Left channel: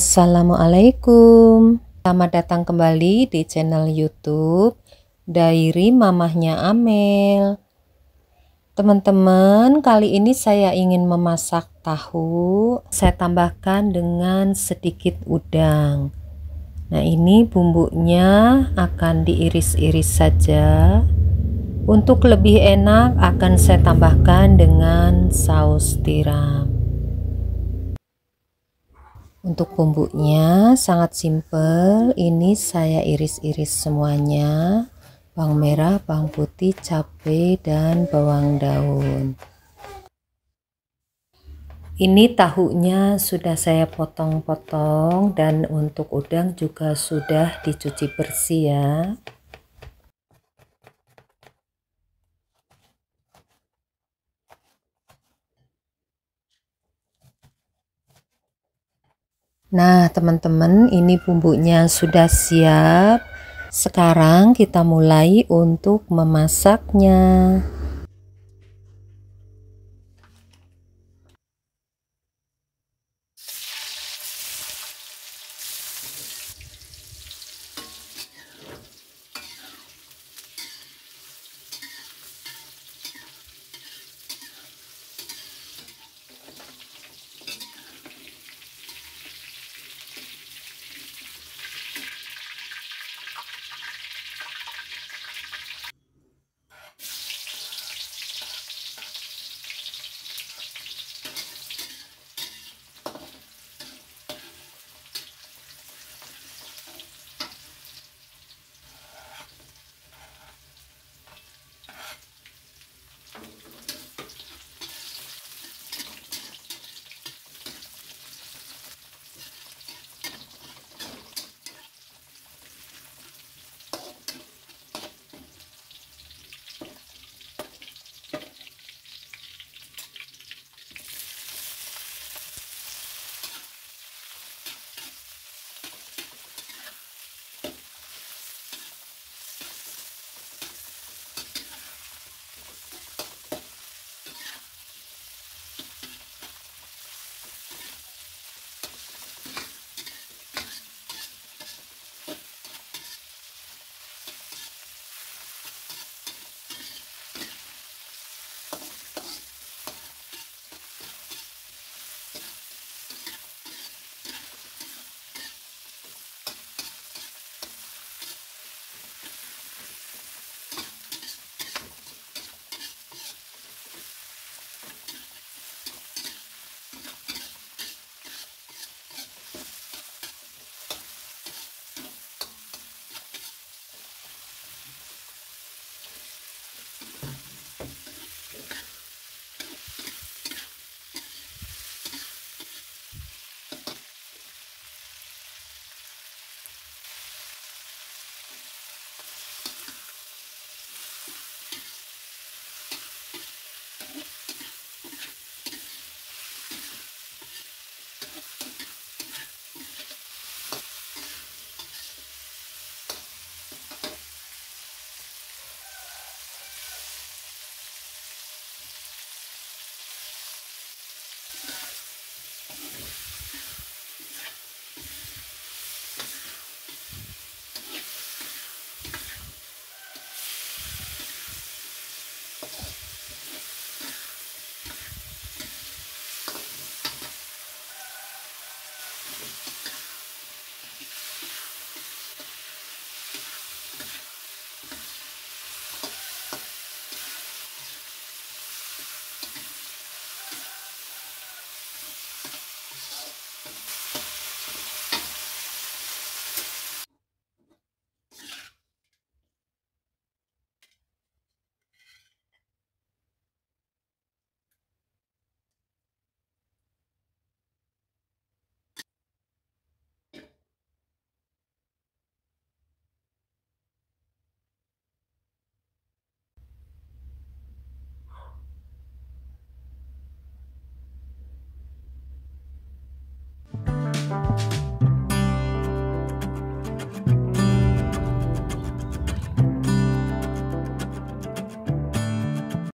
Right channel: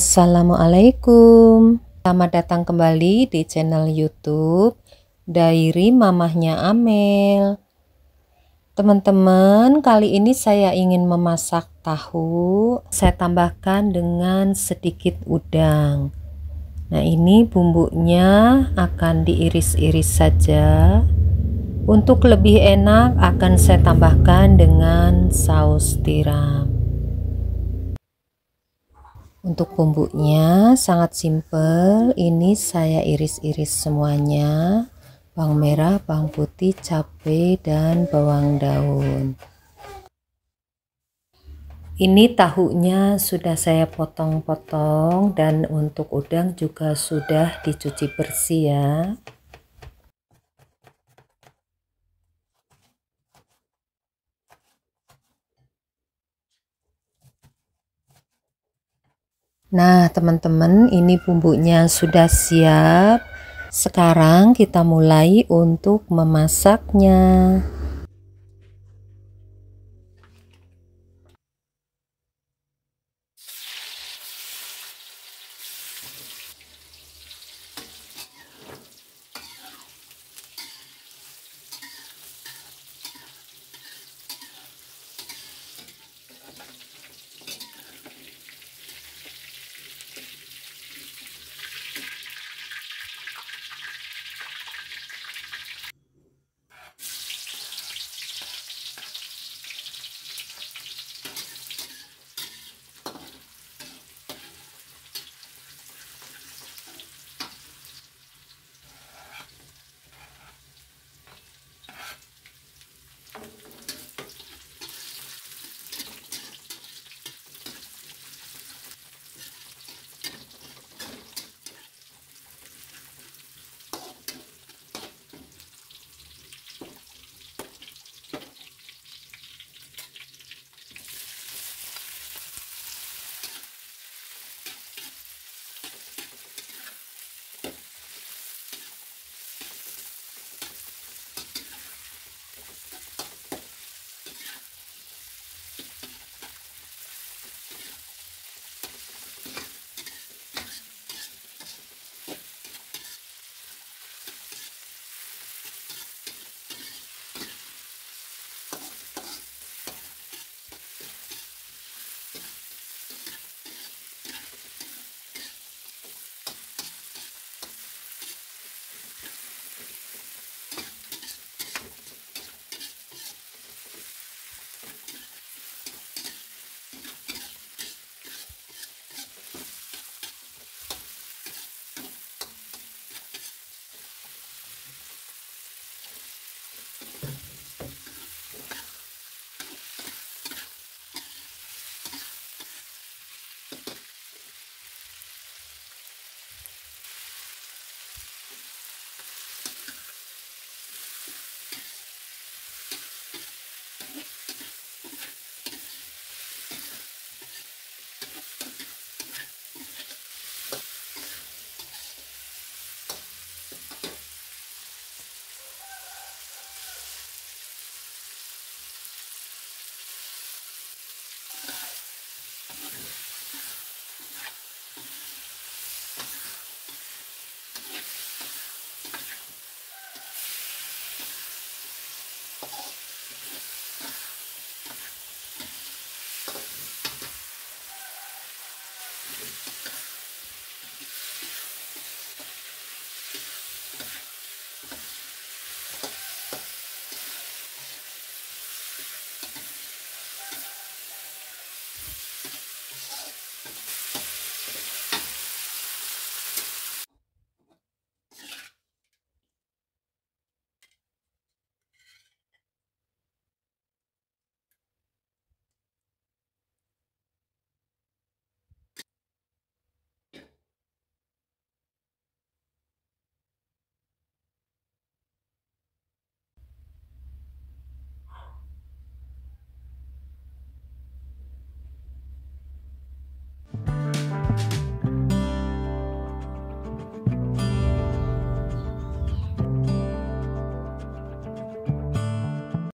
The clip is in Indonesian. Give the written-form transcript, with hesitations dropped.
Assalamualaikum. Selamat datang kembali di channel YouTube Diary Mamahnya Amel. Teman-teman, kali ini saya ingin memasak tahu. Saya tambahkan dengan sedikit udang. Nah, ini bumbunya akan diiris-iris saja. Untuk lebih enak akan saya tambahkan dengan saus tiram. Untuk bumbunya sangat simpel, ini saya iris-iris semuanya, bawang merah, bawang putih, cabai, dan bawang daun. Ini tahunya sudah saya potong-potong, dan untuk udang juga sudah dicuci bersih ya. Nah, teman-teman, ini bumbunya sudah siap. Sekarang kita mulai untuk memasaknya.